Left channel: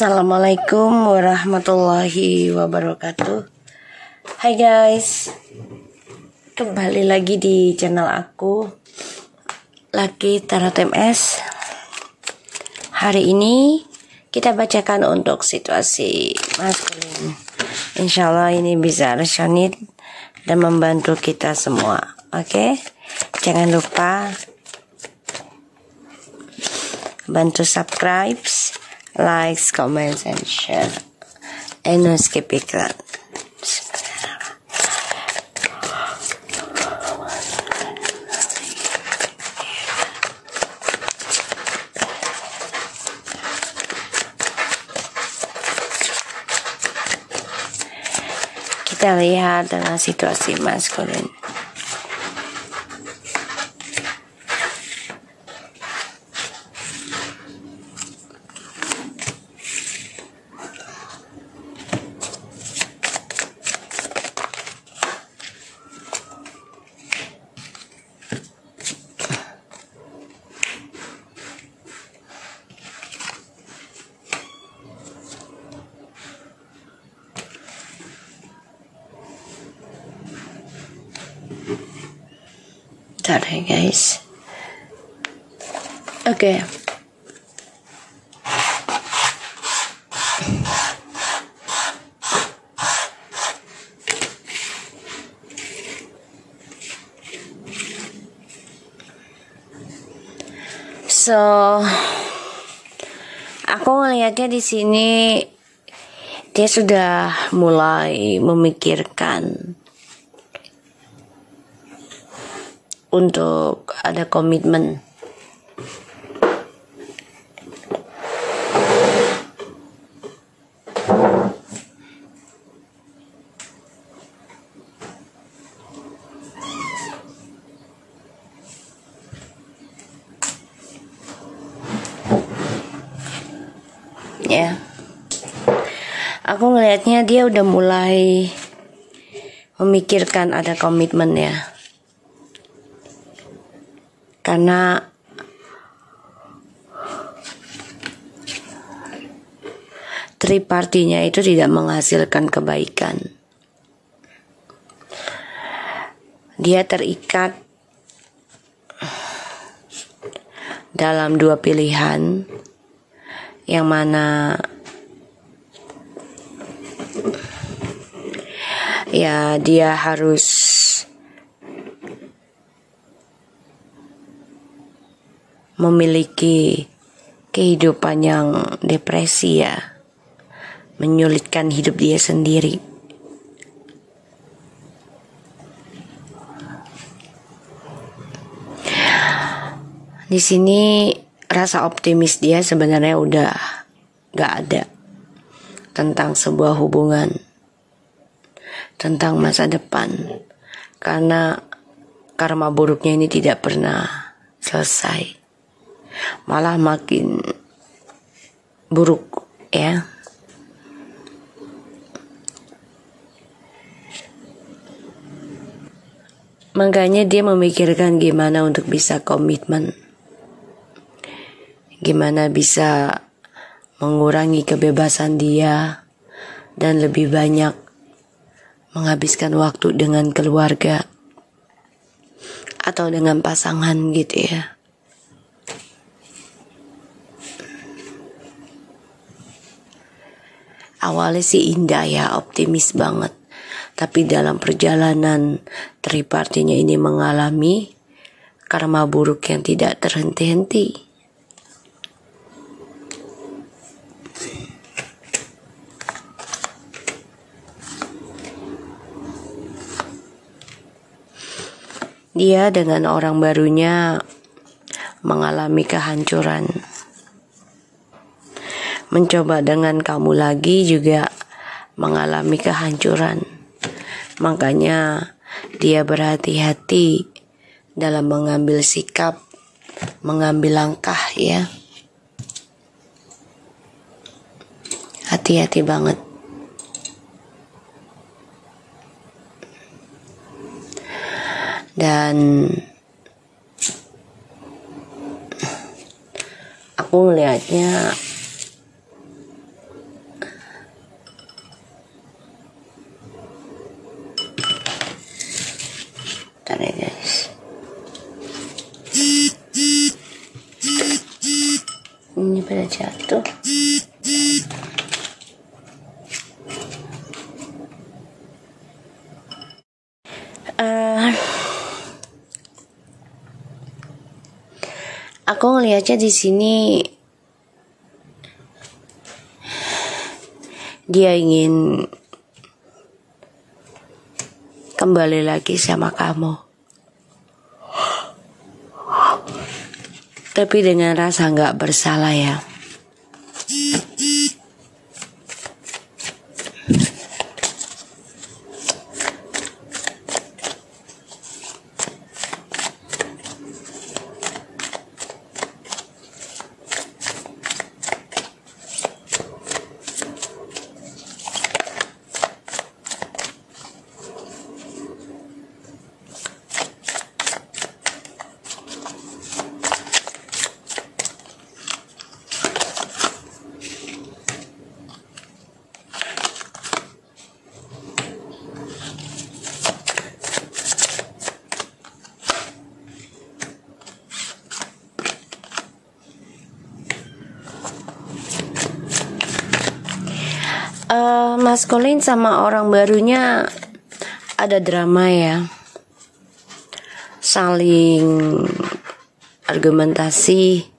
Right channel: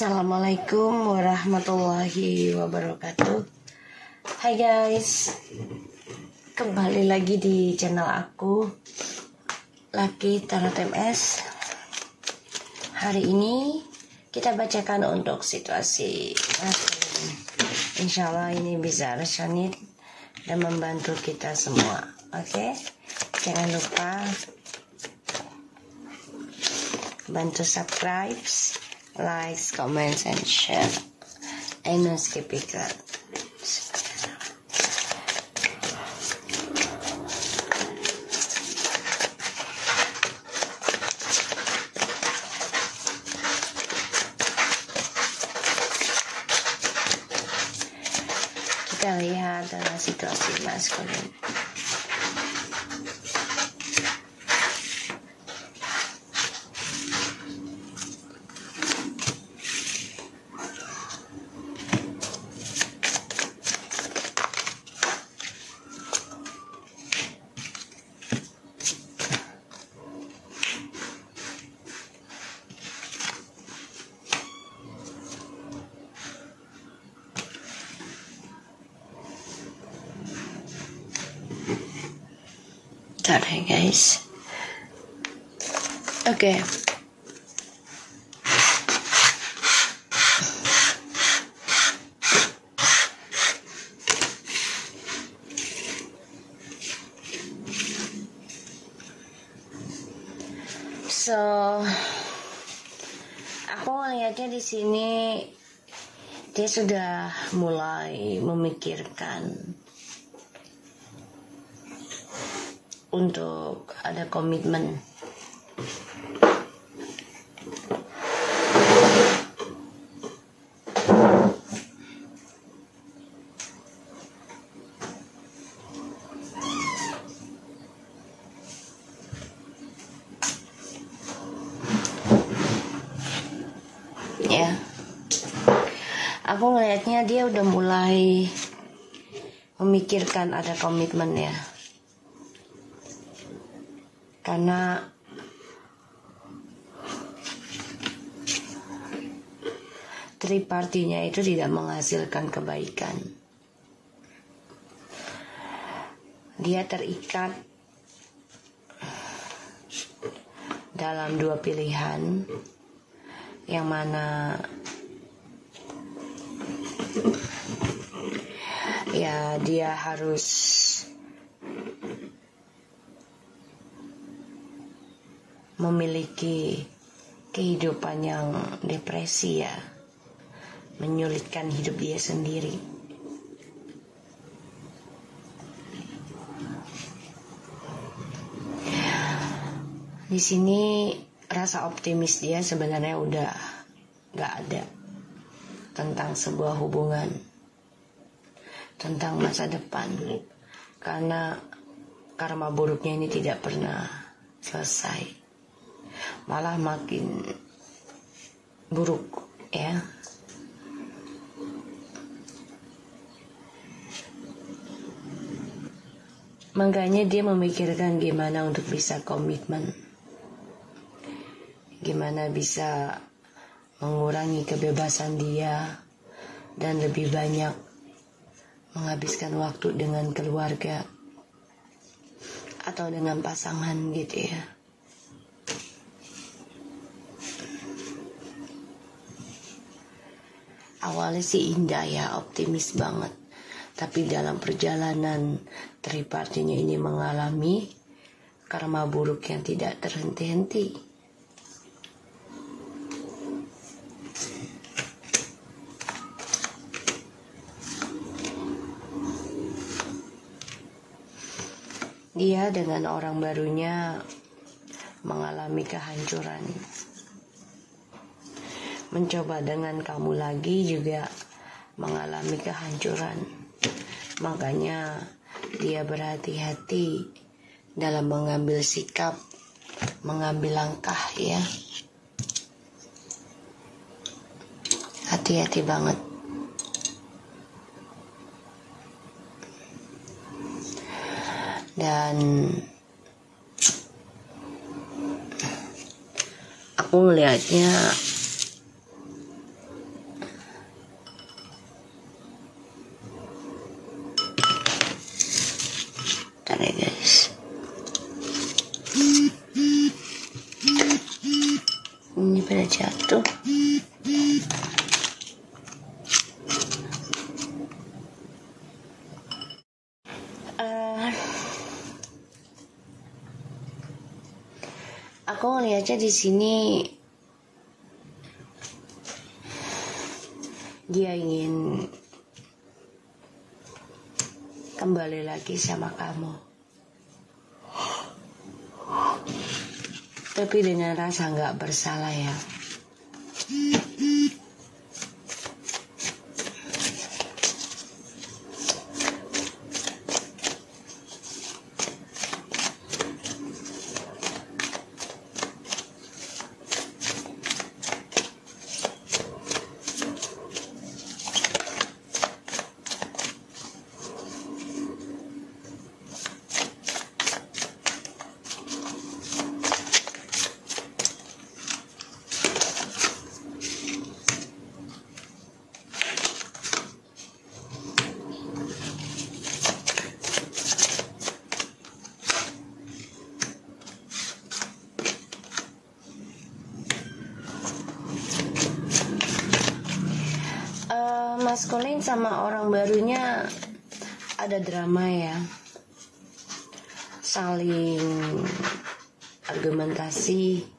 Assalamualaikum warahmatullahi wabarakatuh. Hai guys, kembali lagi di channel aku, Lucky Tarot MS. Hari ini kita bacakan untuk situasi maskulin. Insya Allah ini bisa resonate dan membantu kita semua. Oke, jangan lupa bantu subscribe, like, comment, and share. And no skip iklan. Kita lihat dengan situasi maskulin. Bentar ya guys. Oke. So, aku ngelihatnya di sini dia sudah mulai memikirkan untuk ada komitmen. Ya, aku ngelihatnya dia udah mulai memikirkan ada komitmen ya. Karena tripartinya itu tidak menghasilkan kebaikan. Dia terikat dalam dua pilihan, yang mana ya dia harus memiliki kehidupan yang depresi ya, menyulitkan hidup dia sendiri. Di sini rasa optimis dia sebenarnya udah gak ada tentang sebuah hubungan, tentang masa depan, karena karma buruknya ini tidak pernah selesai, malah makin buruk ya. Makanya dia memikirkan gimana untuk bisa komitmen, gimana bisa mengurangi kebebasan dia dan lebih banyak menghabiskan waktu dengan keluarga atau dengan pasangan gitu ya. Awalnya sih indah ya, optimis banget. Tapi dalam perjalanan tripartinya ini mengalami karma buruk yang tidak terhenti-henti. Dia dengan orang barunya mengalami kehancuran. Mencoba dengan kamu lagi juga mengalami kehancuran. Makanya dia berhati-hati dalam mengambil sikap, mengambil langkah ya. Hati-hati banget. Dan aku ngelihatnya pada jatuh. Aku ngelihatnya di sini dia ingin kembali lagi sama kamu, tapi dengan rasa nggak bersalah ya. Maskulin sama orang barunya ada drama ya, saling argumentasi,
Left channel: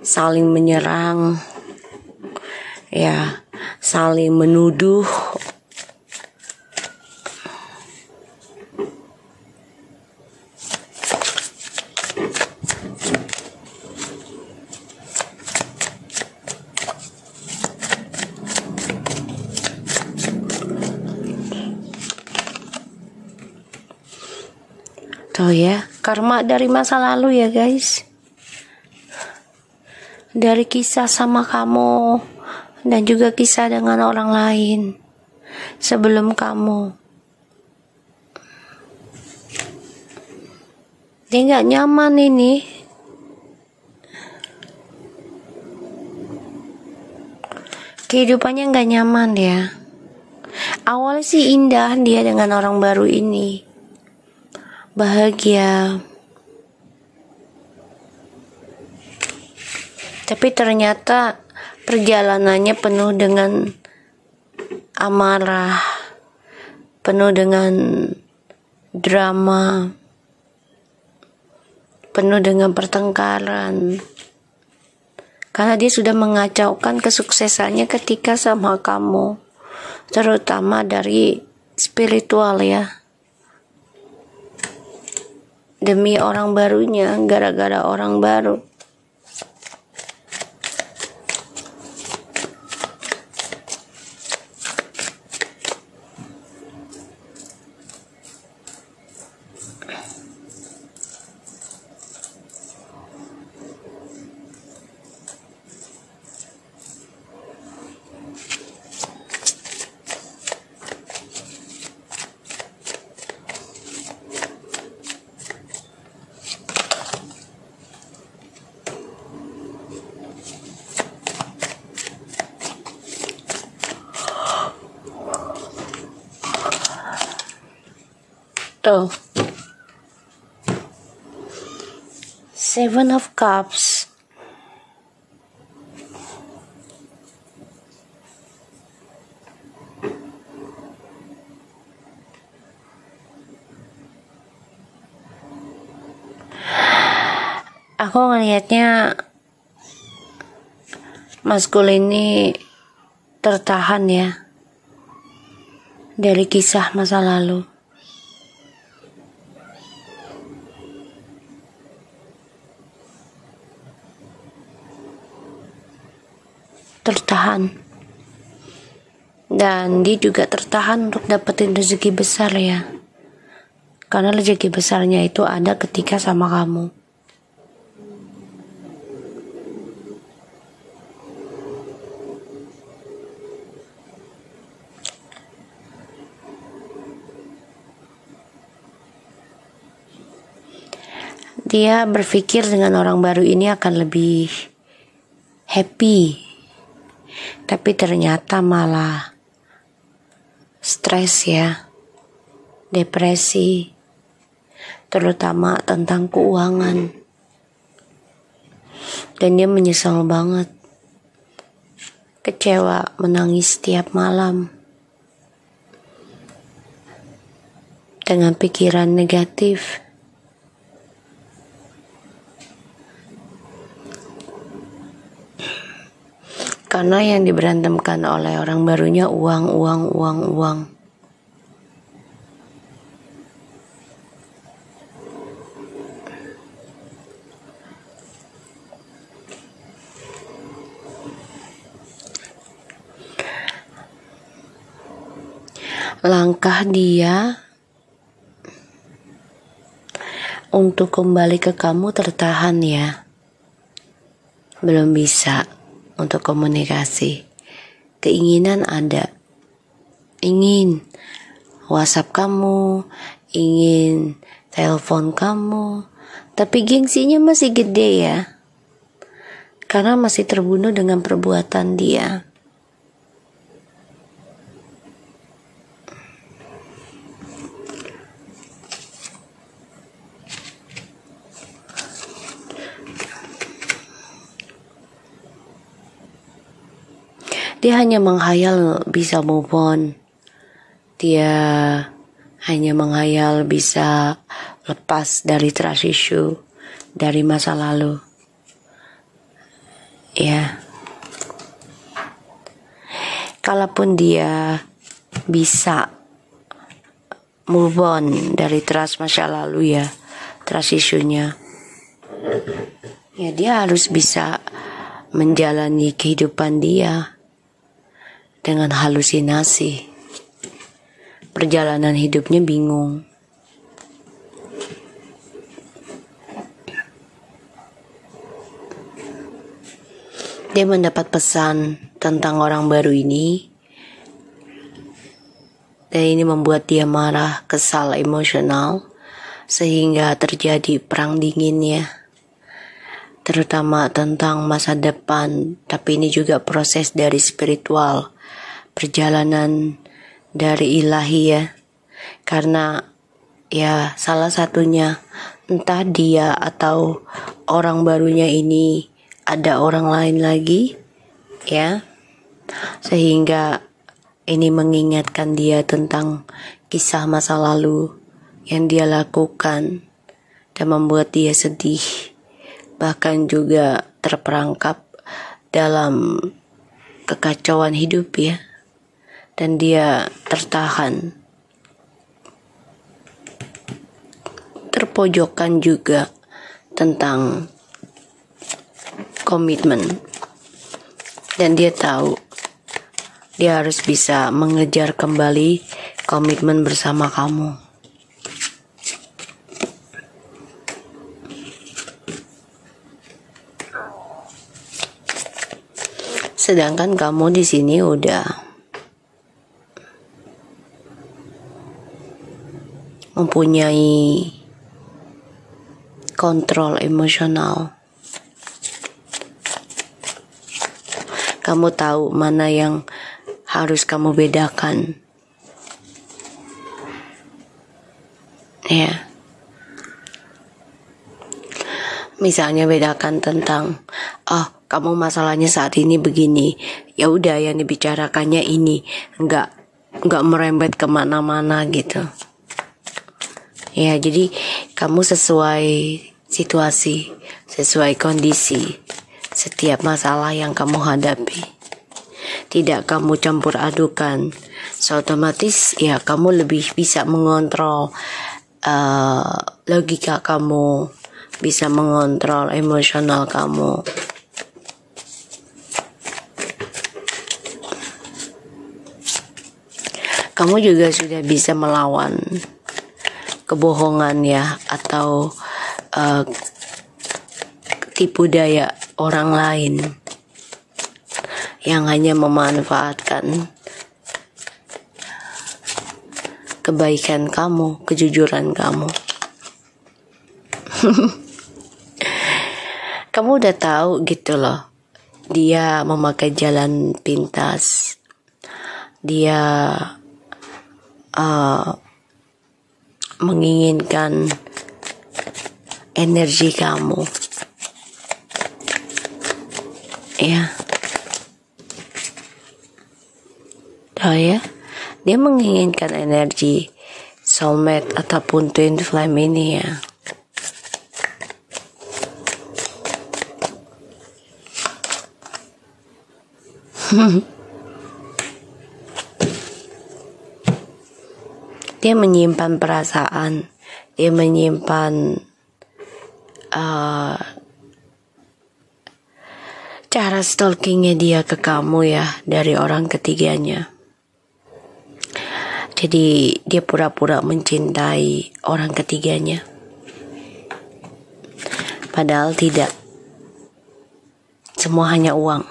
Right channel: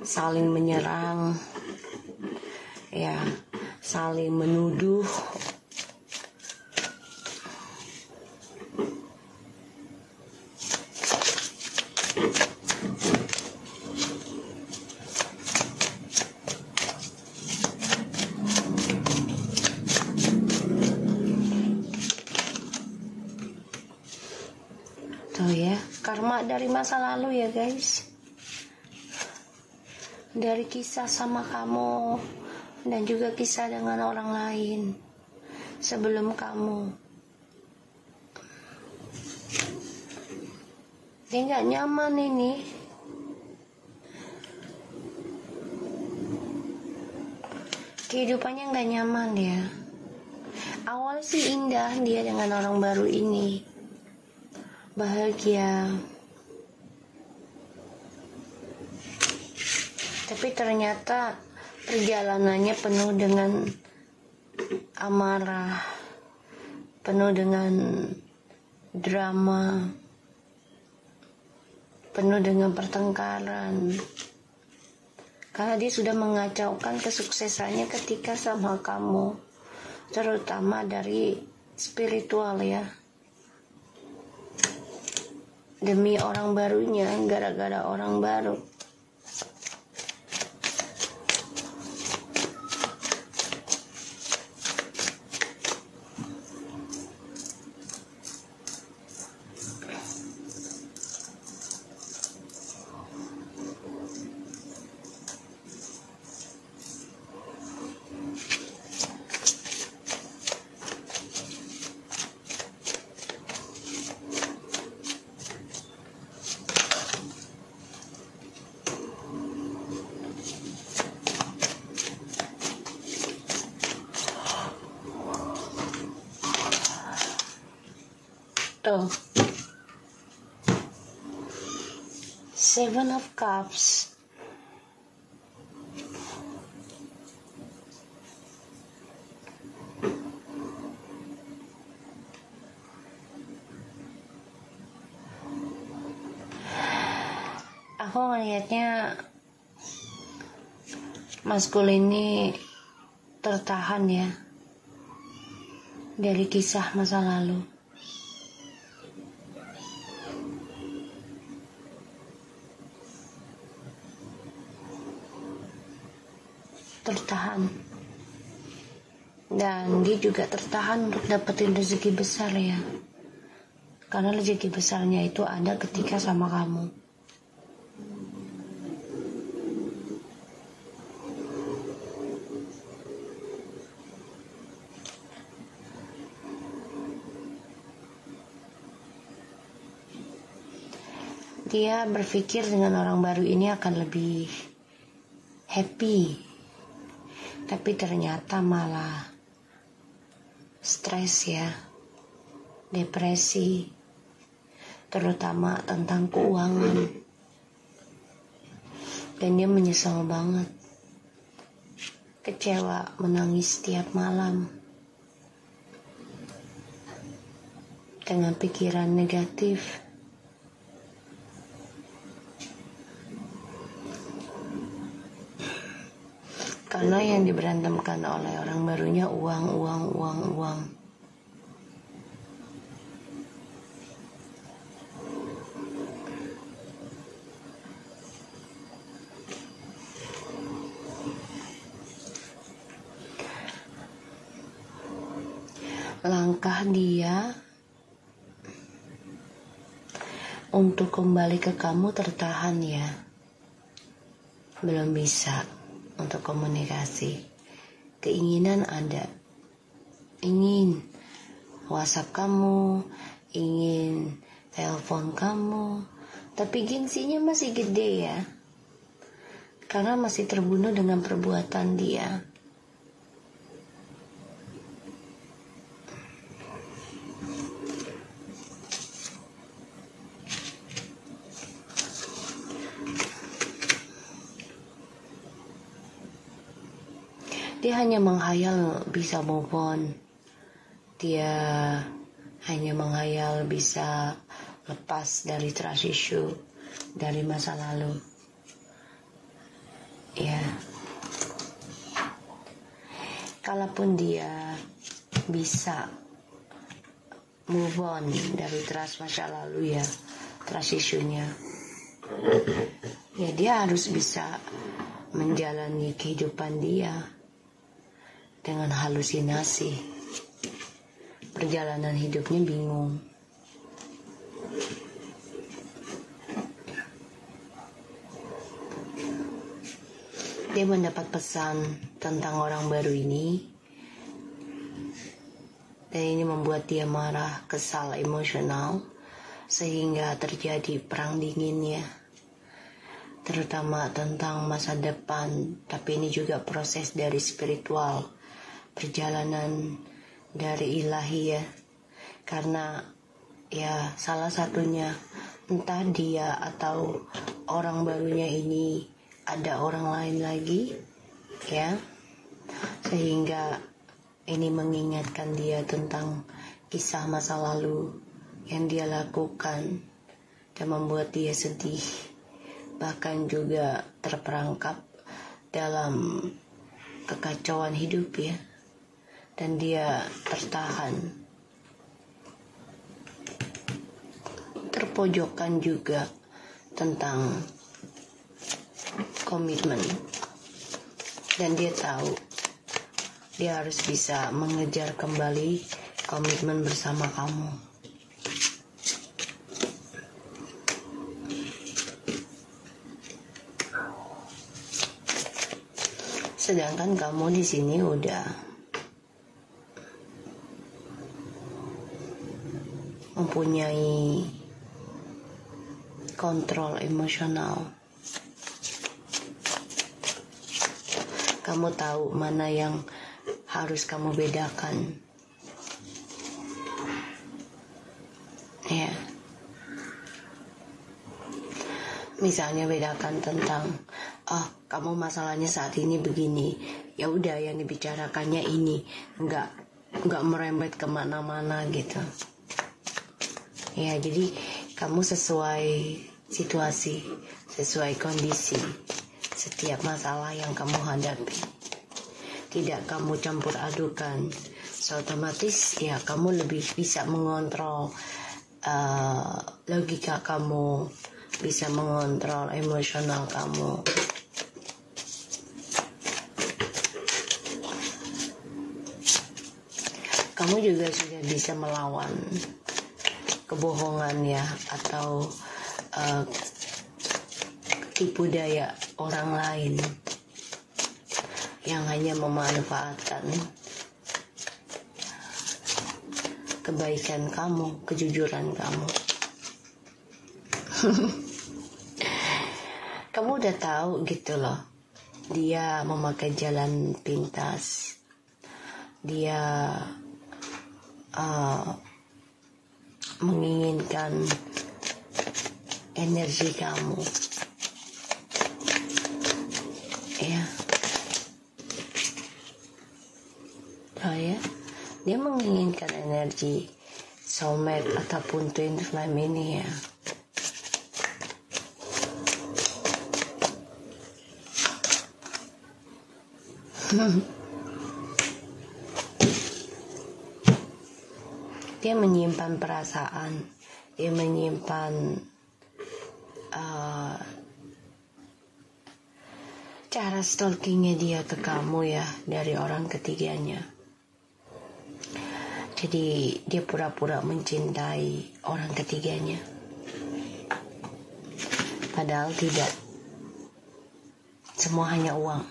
saling menyerang ya, saling menuduh. Tuh ya, karma dari masa lalu ya guys, dari kisah sama kamu dan juga kisah dengan orang lain sebelum kamu. Dia gak nyaman ini. Kehidupannya gak nyaman ya. Awalnya sih indah dia dengan orang baru ini, bahagia, tapi ternyata perjalanannya penuh dengan amarah, penuh dengan drama, penuh dengan pertengkaran, karena dia sudah mengacaukan kesuksesannya ketika sama kamu, terutama dari spiritual ya, demi orang barunya, gara-gara orang baru. Tuh, Seven of Cups. Aku ngelihatnya maskulin ini tertahan ya dari kisah masa lalu. Tertahan, dan dia juga tertahan untuk dapetin rezeki besar ya, karena rezeki besarnya itu ada ketika sama kamu. Dia berpikir dengan orang baru ini akan lebih happy, tapi ternyata malah stres ya, depresi, terutama tentang keuangan. Dan dia menyesal banget. kecewa, menangis setiap malam dengan pikiran negatif. Karena yang diberantemkan oleh orang barunya uang. Langkah dia untuk kembali ke kamu tertahan ya. Belum bisa untuk komunikasi. Keinginan ada. Ingin WhatsApp kamu, ingin telepon kamu, tapi gengsinya masih gede ya. Karena masih terbunuh dengan perbuatan dia. Dia hanya menghayal bisa move on. Dia hanya menghayal bisa lepas dari trust issue, dari masa lalu. Ya. Kalaupun dia bisa move on dari trust masa lalu ya, trust issue-nya. Ya dia harus bisa menjalani kehidupan dia dengan halusinasi. Perjalanan hidupnya bingung. Dia mendapat pesan tentang orang baru ini. Dan ini membuat dia marah, kesal, emosional. Sehingga terjadi perang dinginnya. Terutama tentang masa depan. Tapi ini juga proses dari spiritual. Perjalanan dari ilahi ya. Karena ya salah satunya entah dia atau orang barunya ini ada orang lain lagi ya. Sehingga ini mengingatkan dia tentang kisah masa lalu yang dia lakukan dan membuat dia sedih. Bahkan juga terperangkap dalam kekacauan hidup ya. Dan dia tertahan, terpojokkan juga tentang komitmen. Dan dia tahu dia harus bisa mengejar kembali komitmen bersama kamu. Sedangkan kamu di sini udah mempunyai kontrol emosional. Kamu tahu mana yang harus kamu bedakan. Ya. Misalnya bedakan tentang kamu masalahnya saat ini begini. Ya udah yang dibicarakannya ini, enggak merembet kemana-mana gitu. Ya, jadi kamu sesuai situasi, sesuai kondisi setiap masalah yang kamu hadapi. Tidak kamu campur adukan. So, otomatis ya kamu lebih bisa mengontrol logika kamu, bisa mengontrol emosional kamu. Kamu juga sudah bisa melawan kebohongan ya, atau tipu daya orang lain yang hanya memanfaatkan kebaikan kamu, kejujuran kamu. Kamu udah tahu gitu loh, dia memakai jalan pintas, dia menginginkan energi kamu ya. Oh ya, dia menginginkan energi soulmate ataupun twin flame ini ya. Dia menyimpan perasaan, dia menyimpan cara stalkingnya dia ke kamu ya, dari orang ketiganya. Jadi dia pura-pura mencintai orang ketiganya, padahal tidak. Semua hanya uang,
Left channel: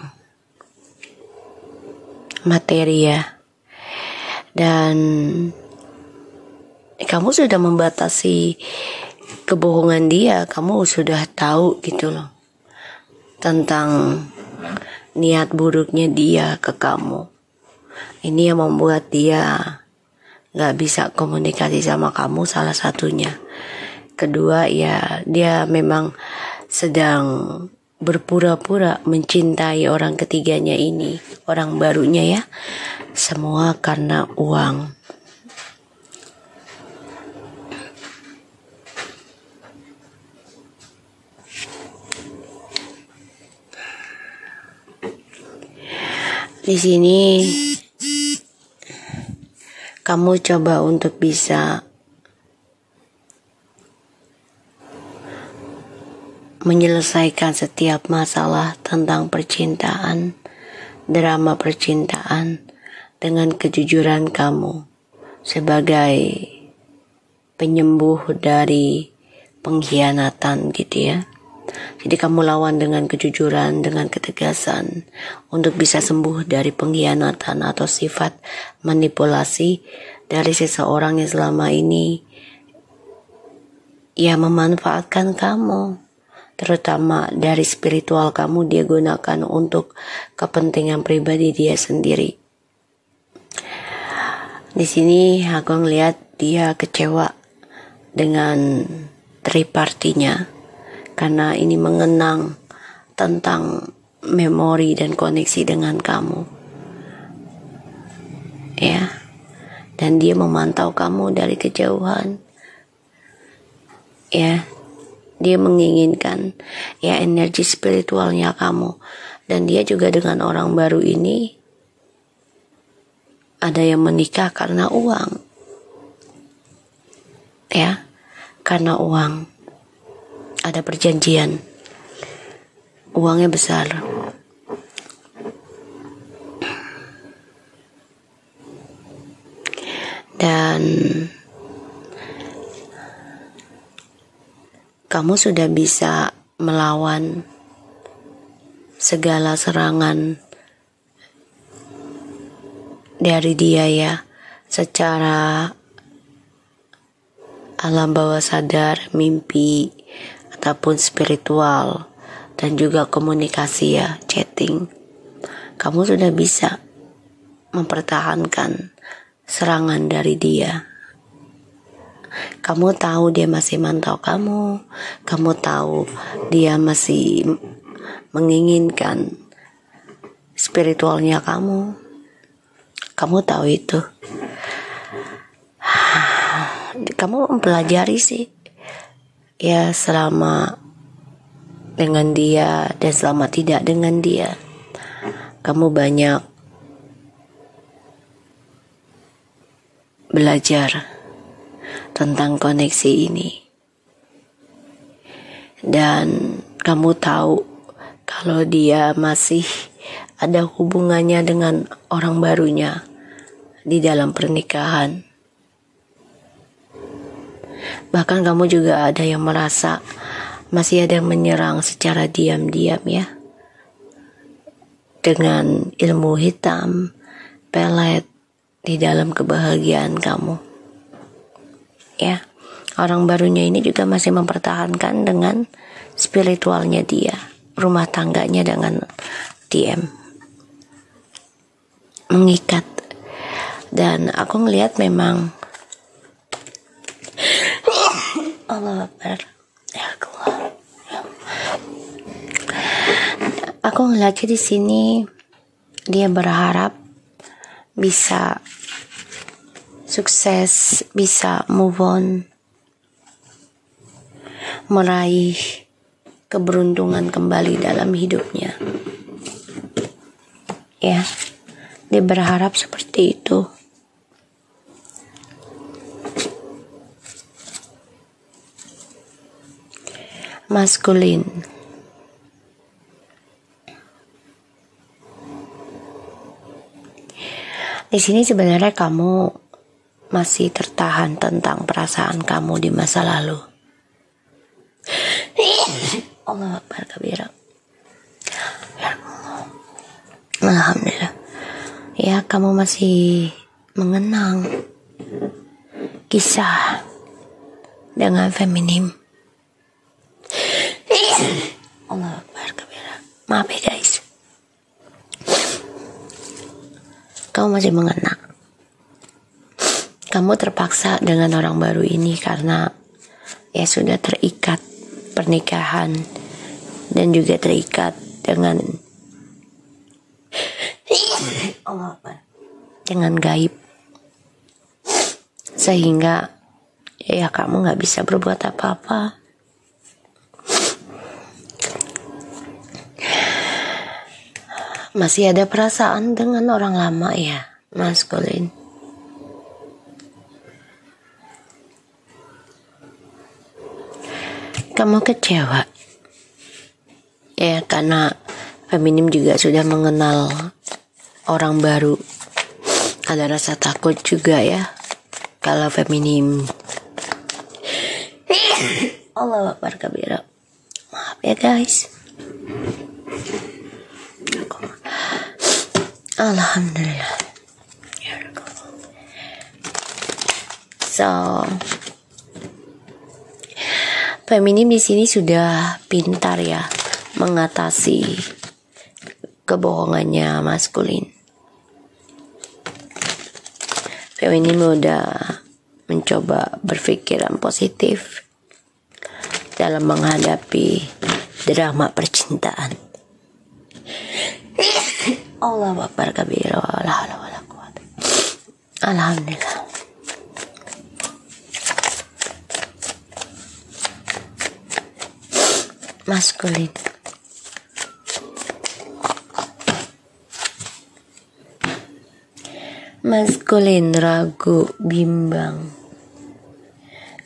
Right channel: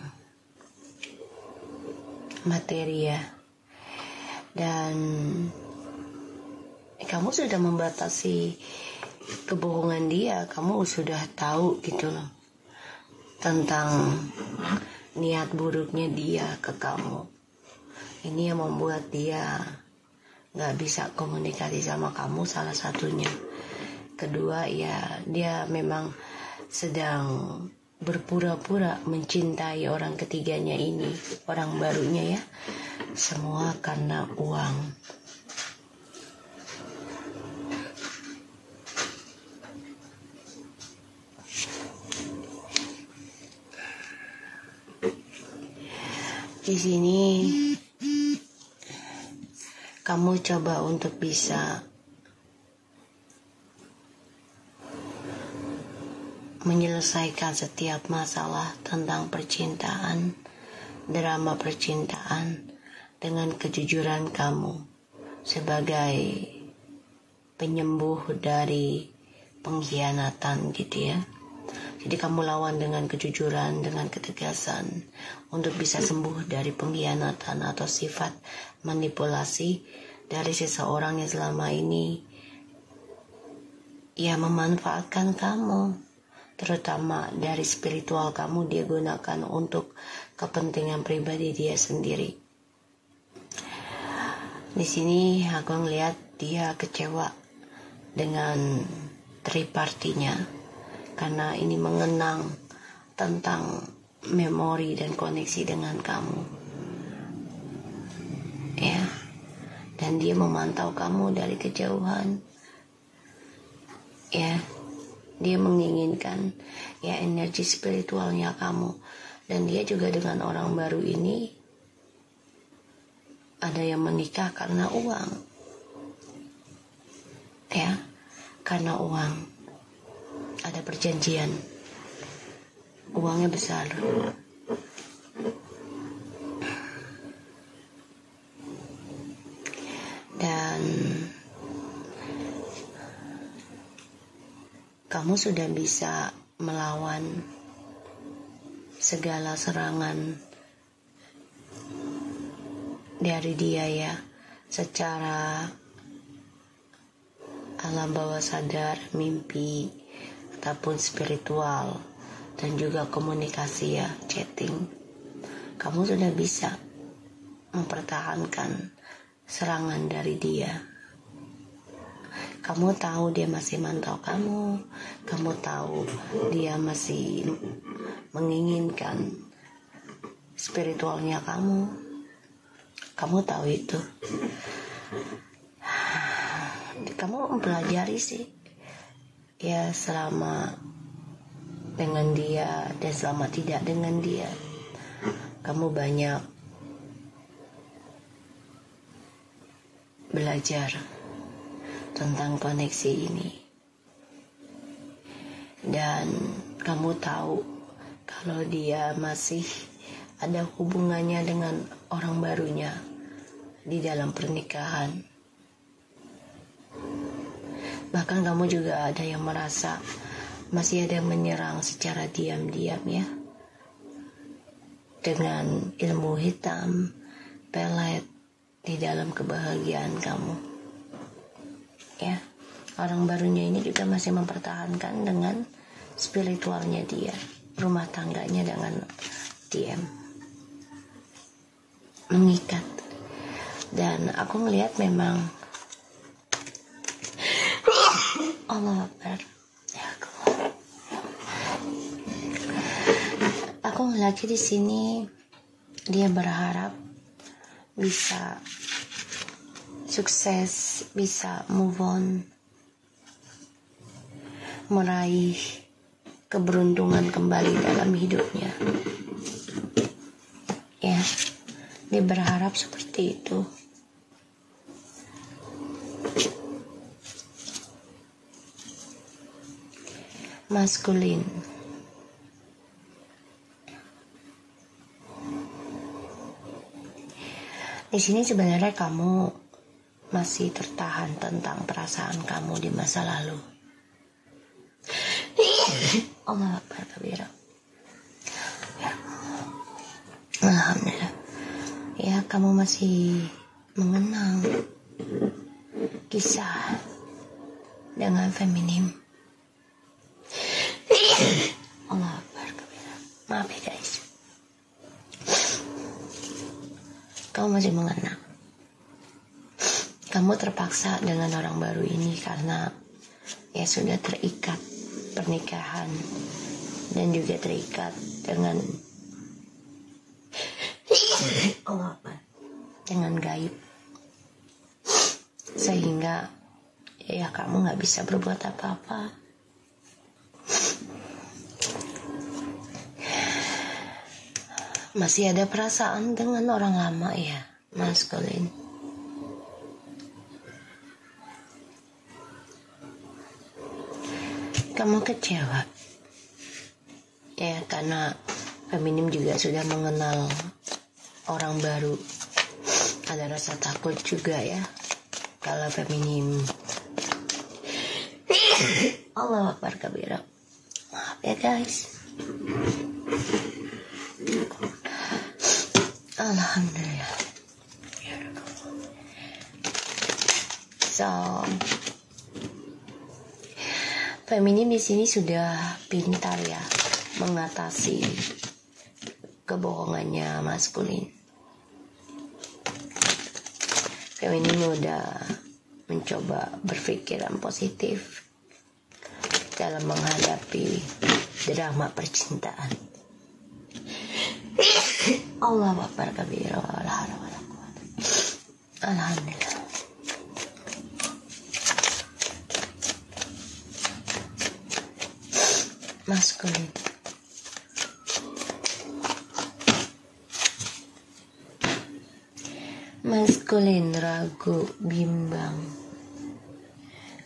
materi ya. Dan kamu sudah membatasi kebohongan dia. Kamu sudah tahu gitu loh tentang niat buruknya dia ke kamu. Ini yang membuat dia gak bisa komunikasi sama kamu, salah satunya. Kedua ya, dia memang sedang berpura-pura mencintai orang ketiganya ini, orang barunya ya. Semua karena uang. Di sini kamu coba untuk bisa menyelesaikan setiap masalah tentang percintaan, drama percintaan, dengan kejujuran kamu sebagai penyembuh dari pengkhianatan gitu ya. Jadi kamu lawan dengan kejujuran, dengan ketegasan untuk bisa sembuh dari pengkhianatan atau sifat manipulasi dari seseorang yang selama ini ya memanfaatkan kamu. Terutama dari spiritual kamu dia gunakan untuk kepentingan pribadi dia sendiri. Di sini aku ngelihat dia kecewa dengan tripartinya karena ini mengenang tentang memori dan koneksi dengan kamu. Ya. Dan dia memantau kamu dari kejauhan. Ya. Dia menginginkan ya energi spiritualnya kamu. Dan dia juga dengan orang baru ini ada yang menikah karena uang. Ya, karena uang. Ada perjanjian. Uangnya besar. Dan kamu sudah bisa melawan segala serangan dari dia ya, secara alam bawah sadar, mimpi, ataupun spiritual, dan juga komunikasi ya, chatting. Kamu sudah bisa mempertahankan serangan dari dia. Kamu tahu dia masih mantau kamu. Kamu tahu dia masih menginginkan spiritualnya kamu. Kamu tahu itu. Kamu mempelajari sih. Ya selama dengan dia dan selama tidak dengan dia. Kamu banyak belajar tentang koneksi ini. Dan kamu tahu kalau dia masih ada hubungannya dengan orang barunya di dalam pernikahan. Bahkan kamu juga ada yang merasa masih ada yang menyerang secara diam-diam ya. Dengan ilmu hitam, pelet di dalam kebahagiaan kamu. Ya, orang barunya ini juga masih mempertahankan dengan spiritualnya dia, rumah tangganya dengan DM mengikat. Dan aku ngelihat memang Allah Akbar. Aku ngelihat di sini dia berharap bisa sukses, bisa move on, meraih keberuntungan kembali dalam hidupnya. Ya, dia berharap seperti itu. Maskulin. Di sini sebenarnya kamu masih tertahan tentang perasaan kamu di masa lalu. Allah Akbar kabira. Alhamdulillah. Ya, kamu masih mengenang kisah dengan feminim. Allah Akbar kabira. Maaf ya guys. Kamu masih mengenang. Kamu terpaksa dengan orang baru ini karena ya sudah terikat pernikahan dan juga terikat dengan Allah Akbar, dengan gaib, sehingga ya kamu nggak bisa berbuat apa-apa. Masih ada perasaan dengan orang lama ya, maskulin. Kamu kecewa ya, karena feminim juga sudah mengenal orang baru. Ada rasa takut juga ya kalau feminim. Allah Akbar kabira. Maaf ya guys. Alhamdulillah. So, feminim di sini sudah pintar ya mengatasi kebohongannya maskulin. Feminim udah mencoba berpikiran positif dalam menghadapi drama percintaan. Allah Akbar kabira. Alhamdulillah. Maskulin. Maskulin ragu, bimbang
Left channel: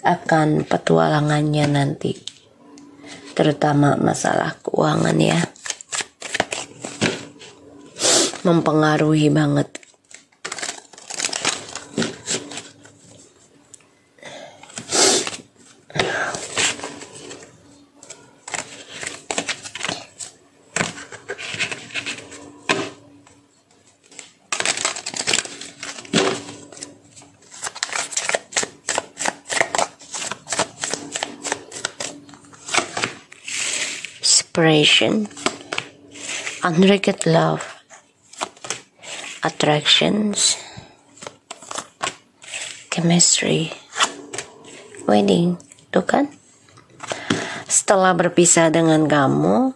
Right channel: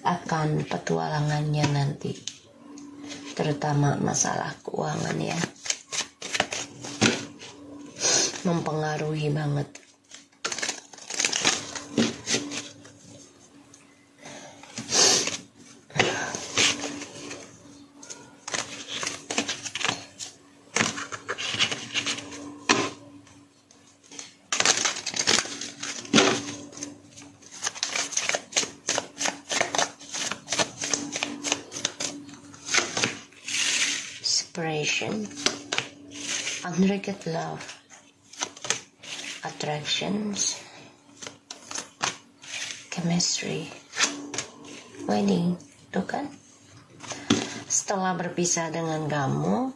akan petualangannya nanti, terutama masalah keuangan ya, mempengaruhi banget. Separation, unrequited love, attractions, chemistry, wedding. Tuh kan, setelah berpisah dengan kamu,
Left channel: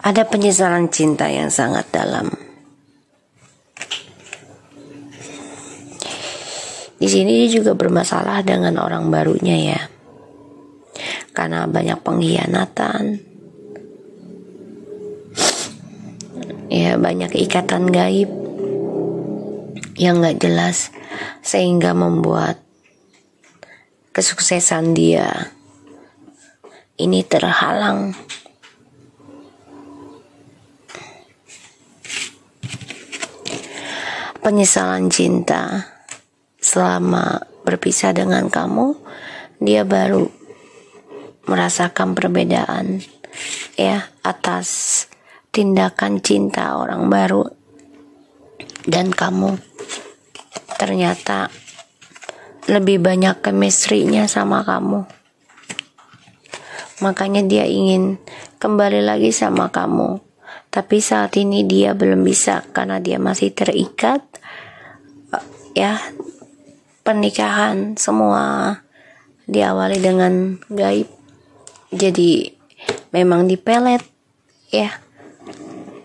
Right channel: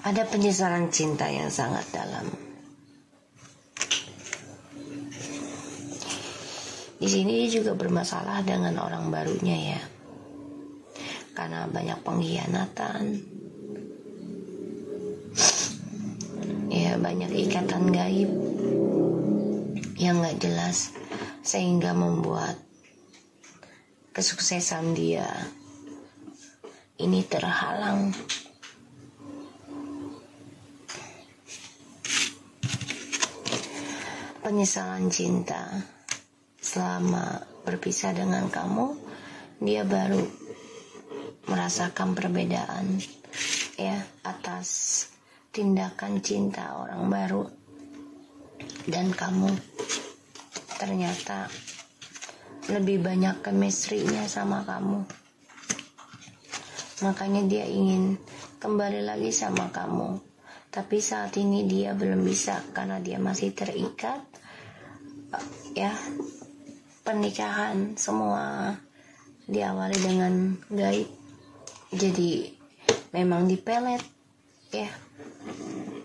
ada penyesalan cinta yang sangat dalam. Di sini dia juga bermasalah dengan orang barunya ya, karena banyak pengkhianatan, ya banyak ikatan gaib yang nggak jelas, sehingga membuat kesuksesan dia ini terhalang. Penyesalan cinta. Selama berpisah dengan kamu, dia baru merasakan perbedaan ya atas tindakan cinta orang baru, dan kamu ternyata lebih banyak chemistry-nya sama kamu. Makanya dia ingin kembali lagi sama kamu, tapi saat ini dia belum bisa karena dia masih terikat ya. Pernikahan semua diawali dengan gaib, jadi memang dipelet ya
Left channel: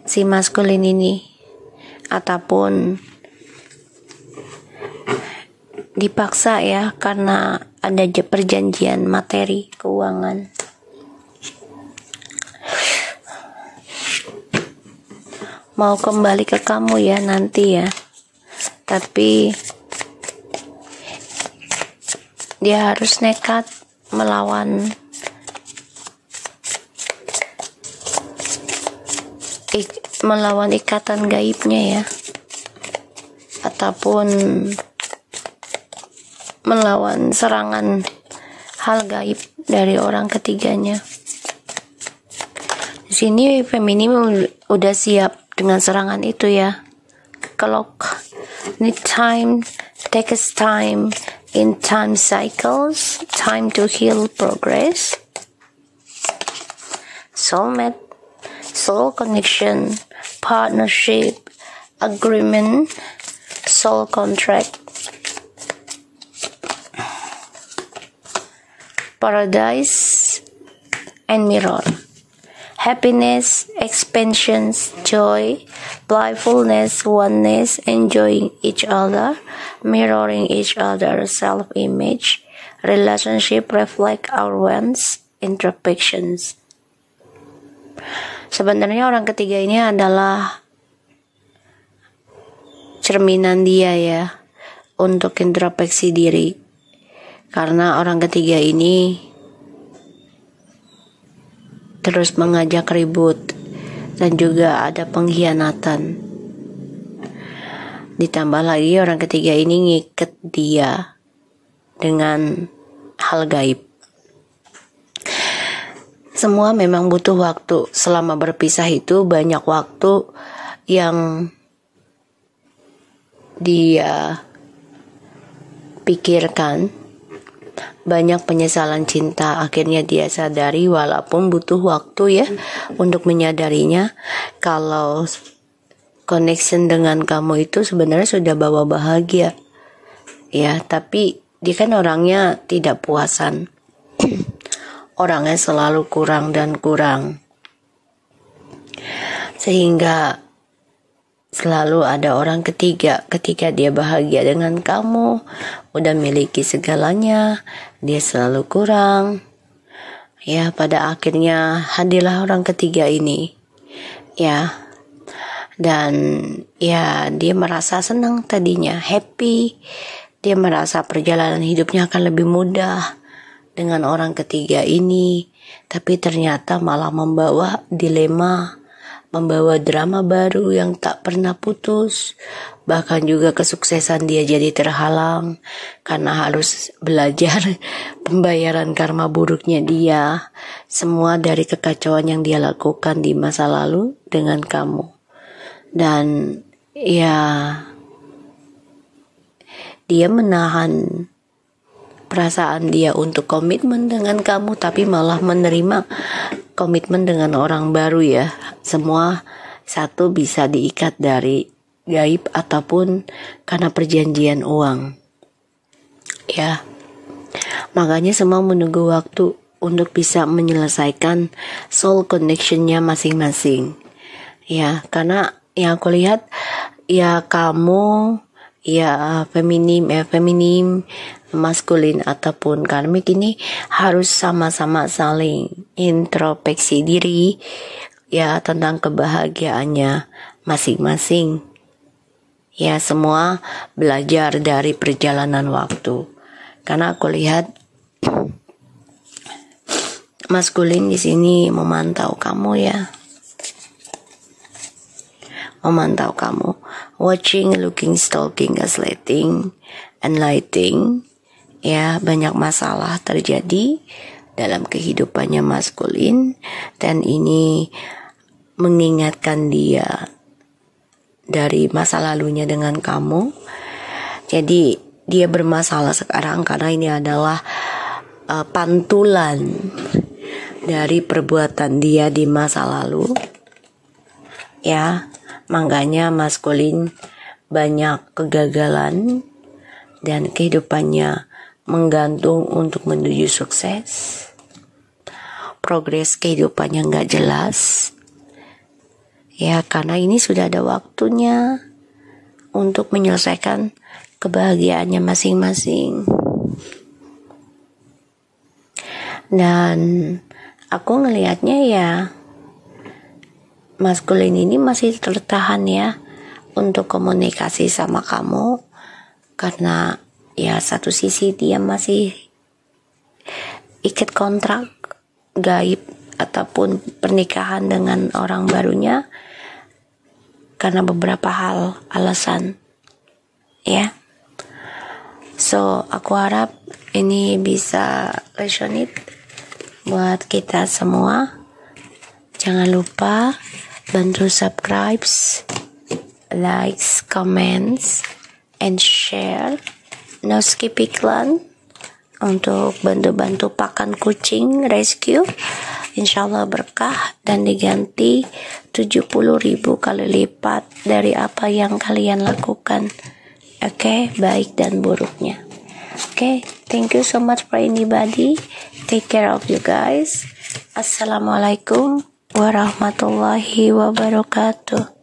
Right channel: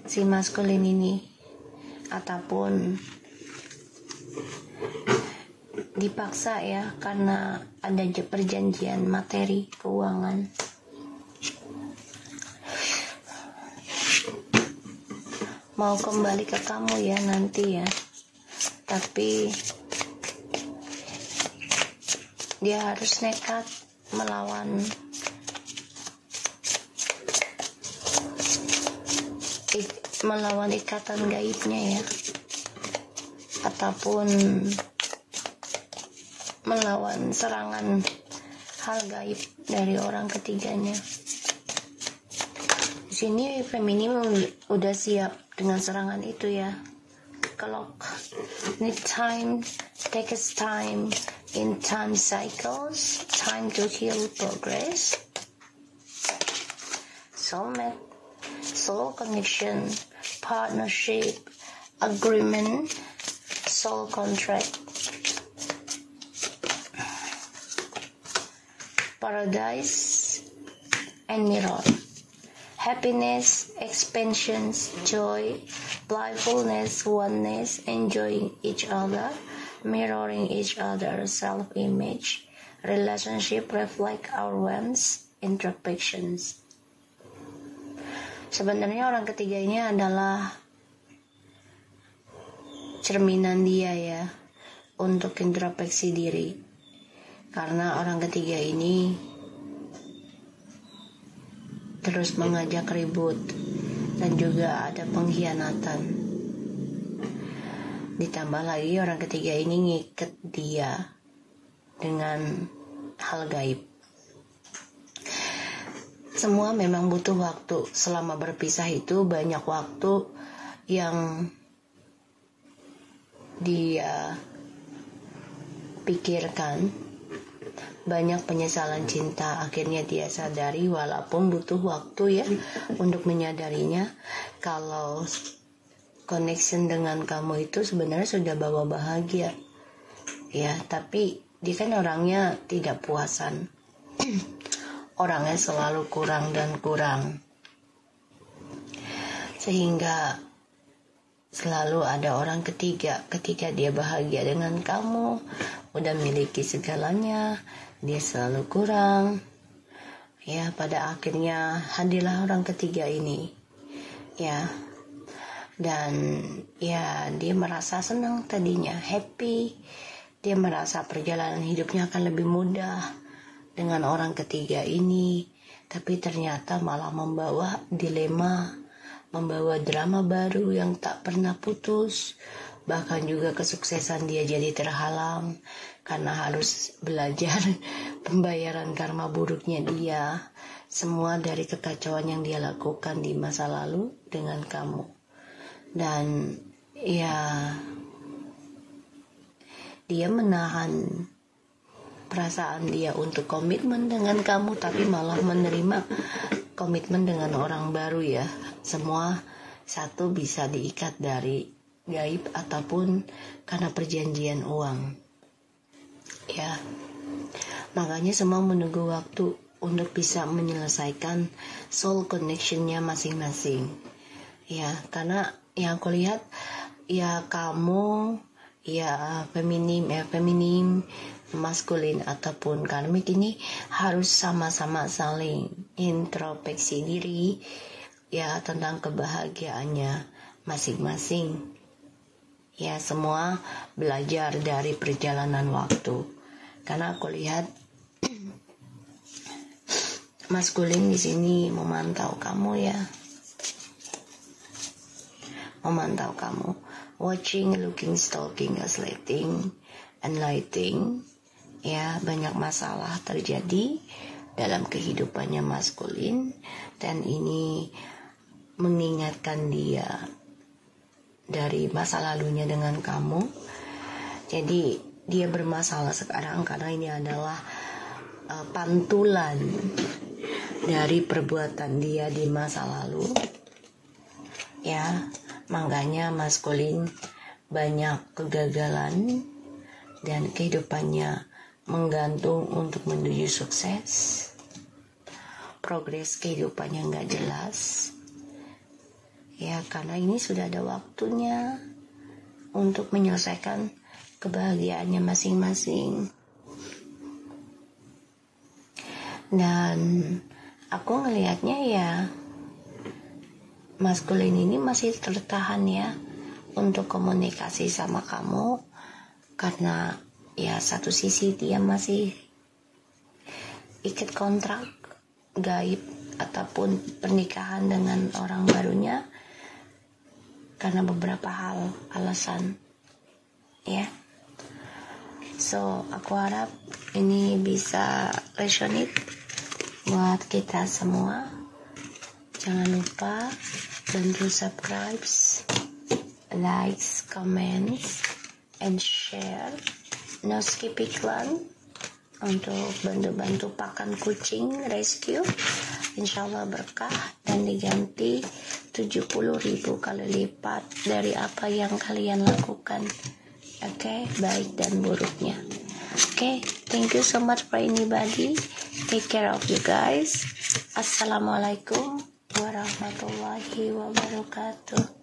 si maskulin ini, ataupun dipaksa ya karena ada perjanjian materi keuangan. Mau kembali ke kamu ya nanti ya, tapi dia harus nekat melawan ikatan gaibnya ya, ataupun melawan serangan hal gaib dari orang ketiganya. Di sini feminim udah siap dengan serangan itu ya. Clock need time, takes time in time cycles, time to heal, progress. Soulmate, soul connection, partnership, agreement, soul contract. Paradise and mirror. Happiness, expansions, joy, playfulness, oneness, enjoying each other, mirroring each other's self-image, relationship reflect our wants, introspections. Sebenarnya orang ketiga ini adalah cerminan dia ya, untuk introspeksi diri. Karena orang ketiga ini terus mengajak ribut dan juga ada pengkhianatan. Ditambah lagi orang ketiga ini ngiket dia dengan hal gaib. Semua memang butuh waktu. Selama berpisah itu banyak waktu yang dia pikirkan, banyak penyesalan cinta. Akhirnya dia sadari, walaupun butuh waktu ya untuk menyadarinya, kalau connection dengan kamu itu sebenarnya sudah bawa bahagia ya, tapi dia kan orangnya tidak puasan. Orangnya selalu kurang dan kurang, sehingga selalu ada orang ketiga. Ketika dia bahagia dengan kamu, udah miliki segalanya, dia selalu kurang ya. Pada akhirnya hadirlah orang ketiga ini ya, dan ya dia merasa senang tadinya, happy. Dia merasa perjalanan hidupnya akan lebih mudah dengan orang ketiga ini, tapi ternyata malah membawa dilema, membawa drama baru yang tak pernah putus. Bahkan juga kesuksesan dia jadi terhalang karena harus belajar pembayaran karma buruknya dia. Semua dari kekacauan yang dia lakukan di masa lalu dengan kamu. Dan ya, dia menahan perasaan dia untuk komitmen dengan kamu, tapi malah menerima komitmen dengan orang baru ya. Semua satu bisa diikat dari gaib ataupun karena perjanjian uang ya. Makanya semua menunggu waktu untuk bisa menyelesaikan soul connectionnya masing-masing ya. Karena yang aku lihat ya, kamu ya feminim, maskulin ataupun karmik ini harus sama-sama saling introspeksi diri ya tentang kebahagiaannya masing-masing ya. Semua belajar dari perjalanan waktu. Karena aku lihat maskulin di sini memantau kamu ya, memantau kamu, watching, looking, stalking, gaslighting, enlightening ya. Banyak masalah terjadi dalam kehidupannya maskulin, dan ini mengingatkan dia dari masa lalunya dengan kamu. Jadi dia bermasalah sekarang karena ini adalah pantulan dari perbuatan dia di masa lalu ya. Makanya maskulin banyak kegagalan dan kehidupannya menggantung untuk menuju sukses. Progres kehidupannya nggak jelas Ya, karena ini sudah ada waktunya untuk menyelesaikan kebahagiaannya masing-masing. Dan aku ngelihatnya ya, Mas Kulin ini masih tertahan ya untuk komunikasi sama kamu, karena ya satu sisi dia masih ikat kontrak gaib ataupun pernikahan dengan orang barunya karena beberapa hal alasan ya. So aku harap ini bisa resonate buat kita semua. Jangan lupa bantu subscribe, likes, comments, and share. No skip iklan untuk bantu-bantu pakan kucing rescue. Insyaallah berkah dan diganti 70.000 kali lipat dari apa yang kalian lakukan. Oke, baik dan buruknya. Oke, thank you so much for anybody. Take care of you guys. Assalamualaikum warahmatullahi wabarakatuh.